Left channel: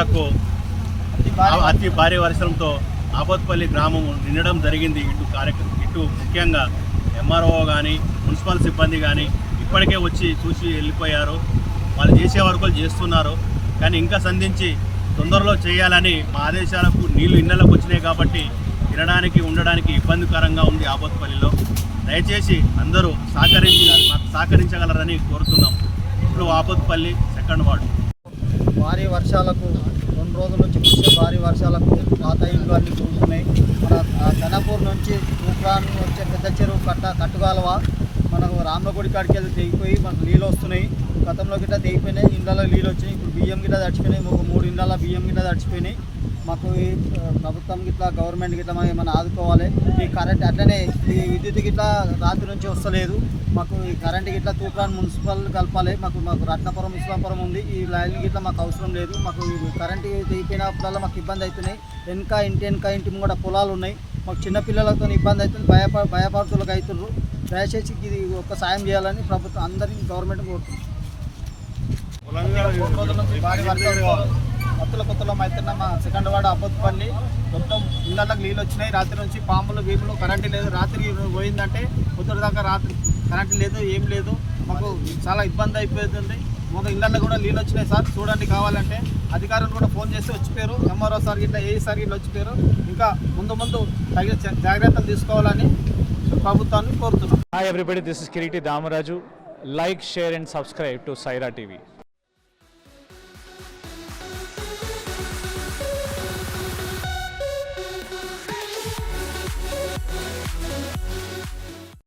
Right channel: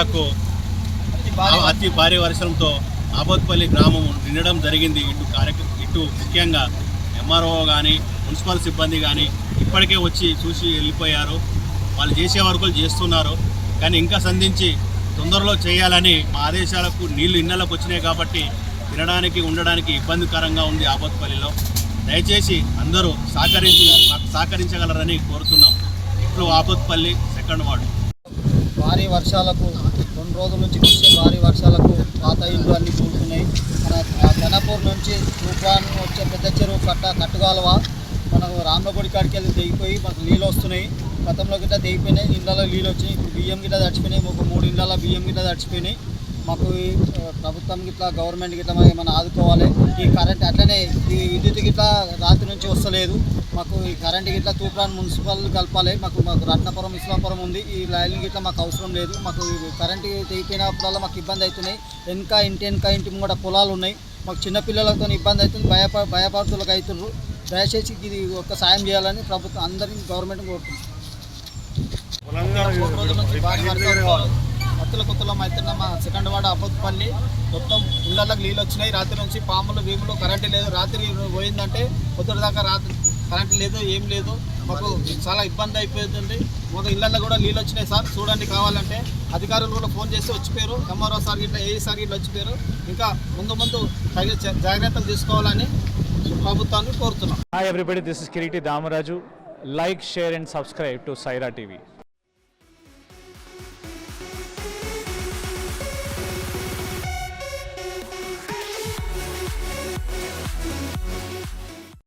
వర్షాలకు అతి భారీ వర్షంతో ఆబోత్పల్లి గ్రామం నిండడం జరిగింది. ఇటు ముఖ్యంగా ఎంఆర్ఓ కానీ మున్సిపల్ సిబ్బంది కానీ ఇప్పటికే వచ్చి చూసి వెళ్ళిపోయారు. వాళ్ళు చేసే వరకు చేస్తున్నారు. కానీ ఇంకా సంధించి తొందరలో చేయాలని మా ఆదేశాలకు నీళ్లు ఇళ్లలోకి వచ్చినాయి కాబట్టి తినడానికి ఉండడానికి ఇబ్బందికరంగా ఉంది ఆబోత్పల్లిలో. దయచేసి అందరూ మాకు సహకరించగలరని కోరుతున్నాం. ఇప్పుడు ఆబోత్పల్లి 2nd వార్డు భారీ వర్షాలకు 2 రోజుల నుంచి కురిసే భారీ వర్షాలకు పాత ఇల్లు అన్నీ కూలుతున్నాయి. మన ధనపూర్ నుంచి తూప్రాన్ వచ్చే పెద్ద చెరువు కట్టుగాలవ మనకు రామలగుడి కాడికి వెళ్ళి తెగిపోయి మనకు నీళ్ళు వస్తున్నాయి. గతంలో గిట్లా తెగిపోయినాయి, ఇళ్ళలో నీళ్ళు వచ్చినాయి. ఇప్పుడు బియ్యం గిట్లా తడిచిపోయినాయి. ఒక 3 ఇళ్ళ బియ్యం గిట్లా తడిచిపోయినాయి. మాకు ప్రభుత్వం గిట్లా గవర్నమెంట్ గిట్లా ఏమైనా ఆదుకోవాలి. ఈ కరెంట్ అట్లనే ఈ విద్యుత్ గిట్లా రాత్రి నుంచి వస్తలేదు. మాకు ఈ కరెంట్ గిట్లా తూప్రాన్ మున్సిపల్ కలపాలి. మాకు రత్నపురం ఇస్లాంపురం ఉంది. ఈ లైన్ గిట్లా మాకు అవసరం లేదు. మాకు కరెంట్ తెగిపోయినప్పుడల్లా మాకు ఇబ్బంది అవుతున్నాయి. ఇంటి ముంగట పొలాలు ఉన్నాయి. మాకు చిన్నపిల్లలతో ఇబ్బంది అవుతుంది. భయపడుతులకు అవుతున్నారు. దయచేసి ఇది ఒక్క సాయం చేయాలని ప్రభుత్వం అందరినీ గవర్నమెంట్ కోరుతుంది. 3 రోజుల నుంచి భారీ వర్షాలతో కొత్తలో అవుతున్న మా 2nd వార్డు ఆబోత్పల్లి మొత్తం ఇళ్లకి నీళ్ళు వచ్చినాయి. రాత్రి నుంచి పాములు భీములు కరెంటు లేదు. రాత్రి పోయిందంటే పొద్దున దాకా రాత్రి కరెంటు లేదు, ఏం లేదు. మాకు చాలా ఇబ్బంది అయిపోతుంది. మొదటి ఇళ్లలో కూడా నీళ్ళు వచ్చినాయి సార్, చూడండి కావాలంటే. అధికారులు కూడా ఫోన్ చేసి వచ్చిపోయారు. ఎంఆర్ఓ సార్ గిట్లా ఏ సార్ గిట్లా వచ్చిపోయారు. ఇంకా ముందు తగిన జాగ్రత్తలు తీసుకోవాలని ప్రభుత్వాన్ని కోరుతున్నాం. Hi everybody, this is Kiriti Damaraju. Like, share and subscribe to Saira TV.